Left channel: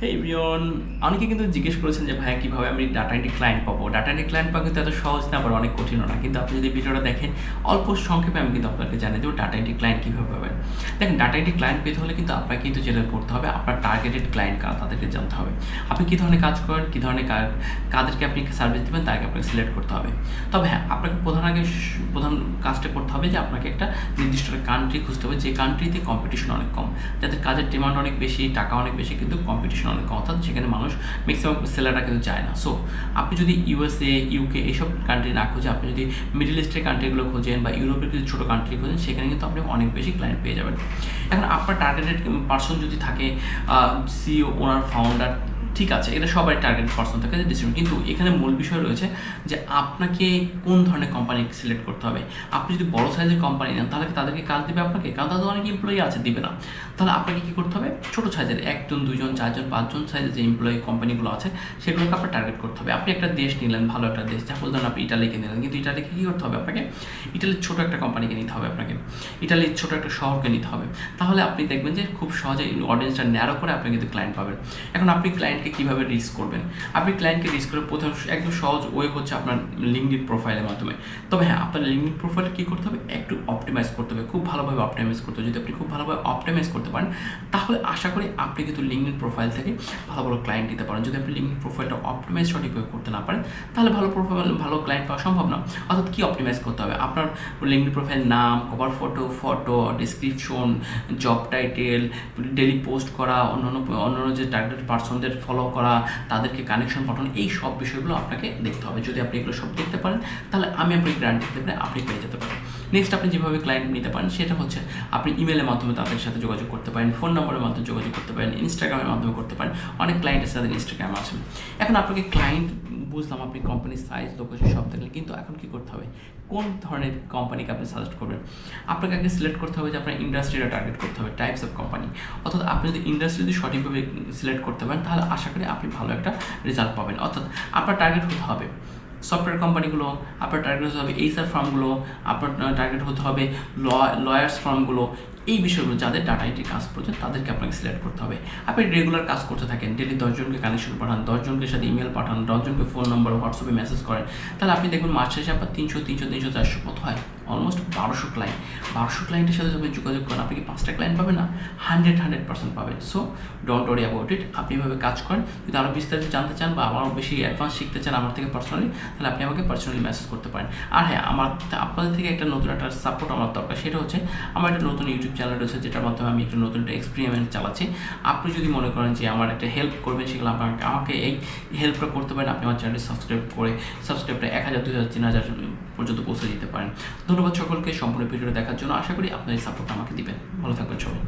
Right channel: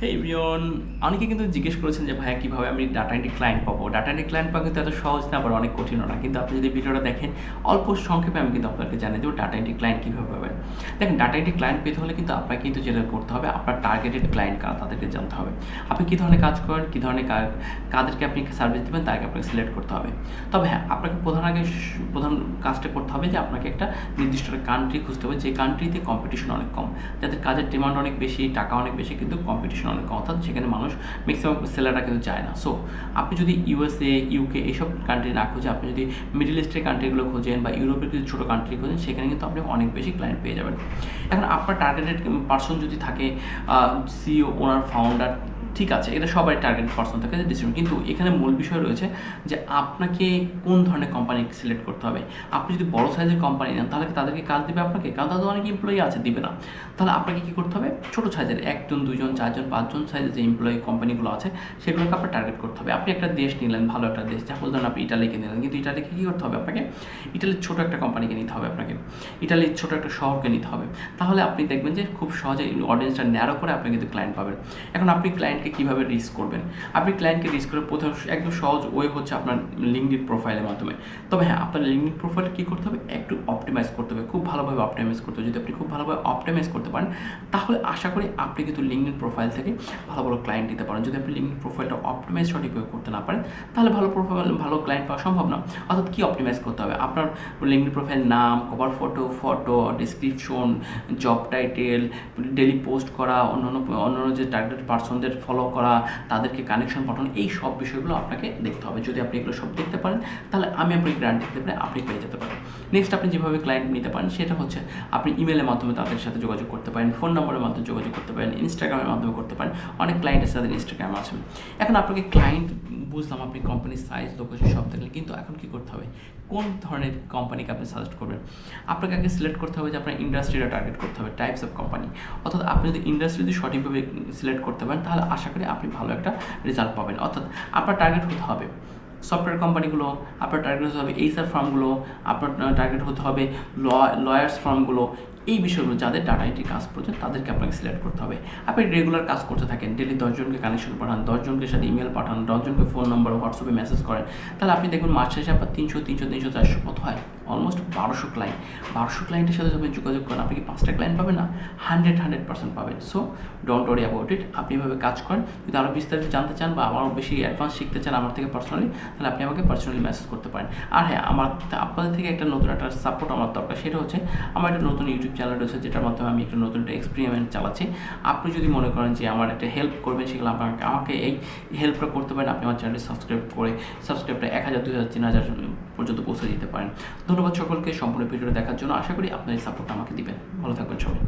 হেই everyone, অনেকে কিন্তু জিজ্ঞেস করেছেন যে ভাইয়া কীভাবে আমি ডাটা এন্ট্রি ক্লায়েন্ট পাবো। ডাটা এন্ট্রি ক্লায়েন্ট পাওয়া কিন্তু এত সহজ না, আবার অনেক কঠিনও না। কিন্তু আপনি যদি ভিডিওটা দেখেন, অল্প সংক্ষেপে আমি কিন্তু আপনাকে জানিয়ে দেবো ডাটা এন্ট্রি ক্লায়েন্ট কীভাবে পাবেন। দেখেন, ডাটা এন্ট্রি ক্লায়েন্ট পেতে হলে কিন্তু আপনাকে কিন্তু যেটা করতে হবে, আপনার টার্গেটেড ক্লায়েন্ট কারা তাদেরকে জানতে হবে। আপনি কী ধরনের কাজ করেন, কী ধরনের কাদেরকে আপনি সার্ভিস দেবেন তাকে আপনাকে সিলেক্ট করতে হবে। তবে হ্যাঁ, আপনাকে প্রধান কাজটা করতে হবে যে আপনাকে একটা নির্দিষ্ট কান্ট্রি খুঁজতে হবে, যে কান্ট্রিতে কম্পিটিশন অনেক কম, যাদের কাজের ডিমান্ড অনেক বেশি, টাকা অনেক বেশি, কিন্তু কম্পিটিশন অনেক কম, অর্থাৎ সেখানে মানুষ ম্যাক্সিমাম সেলাররা কিন্তু যায় না। সো আপনি যদি ইউএসএ, ইউকে এইসব কান্ট্রি না খুঁজে আপনি যদি মিডল ইস্টের কান্ট্রিগুলো খোঁজেন বা ইউরোপের কিছু ছোটো কান্ট্রি খোঁজেন, সেখানে কিন্তু আপনি অনেক বেশি ক্লায়েন্ট পেয়ে যাবেন। এখন আপনার টার্গেটেড পার্সন যদি থাকে সিইও, ওনার, ফাউন্ডার, ঠিক আছে, এটা সবাই টার্গেট পার্সন থাকে ডিসিশন, কিন্তু এখানে মূল বিষয় রয়েছে যে আপনাকে কোন ধরনের কোম্পানি সিলেক্ট করতে হবে। আপনি যদি বড় সাইজের কোম্পানি নেন তাহলে তাদেরকে কাজ দেবে আপনাকে, কারণ তাদের অনেক এমপ্লয়ি আছে, দিবে না। তাহলে আপনাকে কী করতে হবে, ছোটো সাইজের 1 জন 2 জন 4 জন 5 জন সাইজের যে এমপ্লয়ি কোম্পানিগুলো আছে সেগুলোকে আপনার টার্গেট করতে হবে। আপনি একটা দেশ নিলেন, ভালো একটা দেশ, সাপোজ ধরুন আপনি ইটালিকে নিলেন, কিন্তু ইটালিকে কী করতে হবে আপনাকে, ইটালির ছোটো একটা কোম্পানিকে নিতে হবে, আপনাকে ইটালির ছোটো একটা শহরকে নিতে হবে। তাহলে আপনি দেখবেন যে খুব সহজে অডিয়েন্সটা ন্যারো করে আপনি কিন্তু ক্লায়েন্ট পাবেন। এখন আপনি ক্লায়েন্টকে কীভাবে রিচ করবেন, আপনি ক্লায়েন্টকে রিচ করে প্রথম একদম সহজ ওয়ে হচ্ছে আপনার লিঙ্কডইন প্রোফাইলের মাধ্যমে। তবে হ্যাঁ, আপনার লিঙ্কডইন প্রোফাইলটা কী করতে হবে, একটু অপটিমাইজ করতে হবে, খুব ভালোভাবে অপটিমাইজ করতে হবে। যদি আপনি খুব ভালোভাবে অপটিমাইজ করতে পারেন তাহলে আশা করি আপনি কিন্তু লিঙ্কডইন প্রোফাইল থেকে ভালো ভালো ক্লায়েন্ট দিতে পারেন। যদি আপনি লিঙ্কডইন প্রোফাইলটা অপটিমাইজ সঠিকভাবে করতে না পারেন তাহলে ভালো ক্লায়েন্ট পাওয়া সম্ভব না। অর্থাৎ কী অপটিমাইজ করতে হবে, আপনার লিঙ্কডইন প্রোফাইল নাম, cover photo, description, job title, daily post করা, অন্যান্য যে টার্গেটেড পার্সনদের ফলো করা, তাদেরকে কানেকশন পাঠানো, এই সব বিষয়গুলো আপনাকে দেখতে হবে। যদি আপনি এগুলো সব দেখতে পারেন তাহলে আমি আপনাকে গ্যারান্টি দিতে পারি আপনি পেয়ে যেতে পারেন। নেক্সট, আপনি যেভাবে ক্লায়েন্ট নিতে পারেন সেটা হচ্ছে আপনি ইমেলের মাধ্যমে তাদের সাথে যোগাযোগ করতে পারেন, ফোন নম্বরের মাধ্যমে যোগাযোগ করতে পারেন, ইনস্টাগ্রামের মাধ্যমে করতে পারেন। অনেক ক্লায়েন্টের সাথে ইনস্টাগ্রাম আছে। এখন আপনাকে ক্লায়েন্ট বুঝলাম, আপনি কোম্পানির সাইজ, লোকেশন সব দেখলেন, কিন্তু এখন কী করতে হবে, কোন ধরনের কোম্পানিকে আপনি সাজেস্ট করবেন। আপনাকে আগে সিলেক্ট করতে হবে যে আপনার ইন্ডাস্ট্রিটা টার্গেট করতে হবে, টাইপস অফ কোম্পানি। অর্থাৎ আপনি যদি ইন্ডাস্ট্রি যদি সঠিকভাবে সিলেক্ট করতে পারেন তাহলে আশা করি আপনি ভালো একটা রেজাল্ট পাবেন। অর্থাৎ আপনার টার্গেট হতে হবে সফটওয়্যার কোম্পানিগুলো, আপনার টার্গেট হতে হবে এইচআর ফার্মগুলো, আপনার টার্গেট হতে হবে লয়ার্স ফার্মগুলো। এই বিষয়গুলো যাদের ডাটা এন্ট্রি কাজ প্রয়োজন তাদেরকে আপনাকে সিলেক্ট করতে হবে। আপনি রেগুলার কাজ করতে থাকেন, ডেলি 10 জনকে কানেকশন পাঠান, 10 জনকে সাথে ইমেল পাঠান, 10 জনকে ফোন নম্বর হোয়াটসঅ্যাপে মেসেজ করেন, তাহলে আপনি দেখবেন মাস শেষে আপনার 300, 400 কত হয়, অলমোস্ট 1200 ক্লায়েন্ট। 1200 ক্লায়েন্টের সাথে আপনি যোগাযোগ করেন, আপনি কি 5টা ক্লায়েন্ট পাবেন না, 100% পাবেন। So don't worry about it. আপনি এভাবে কাজ করেন। যদি আরও বিস্তারিত জানতে চান বা আরও বেশি অ্যাডভান্স শিখতে চান আমার থেকে পার্সোনালি, তাহলে আপনি আমাকে পার্সোনালি মেসেজ করতে পারেন। আর হ্যাঁ, আপনাদের থেকে একটা নতুন একটা সাপোর্ট আমার দরকার, সেটা হচ্ছে আমার একটা নতুন ইউটিউব চ্যানেল রয়েছে যেটার মাধ্যমে আমি একটা নতুন একটা এক্সপেরিমেন্ট চালাচ্ছি। আপনি যদি মনে করেন যে আমার একটা হেল্প করবেন, সেগুলো আমাকে এই হেল্পটা করতে পারেন। আপনি আমার চ্যানেলটি সাবস্ক্রাইবটা 1000, 2000, 3000 পর্যন্ত পৌঁছে দিতে পারেন। ধন্যবাদ সকলকে সম্পূর্ণ ভিডিওটা দেখার জন্য। আশা করি আপনার এই সাপোর্টটা আমাকে দিবেন। ভালো থাকবেন সবাই।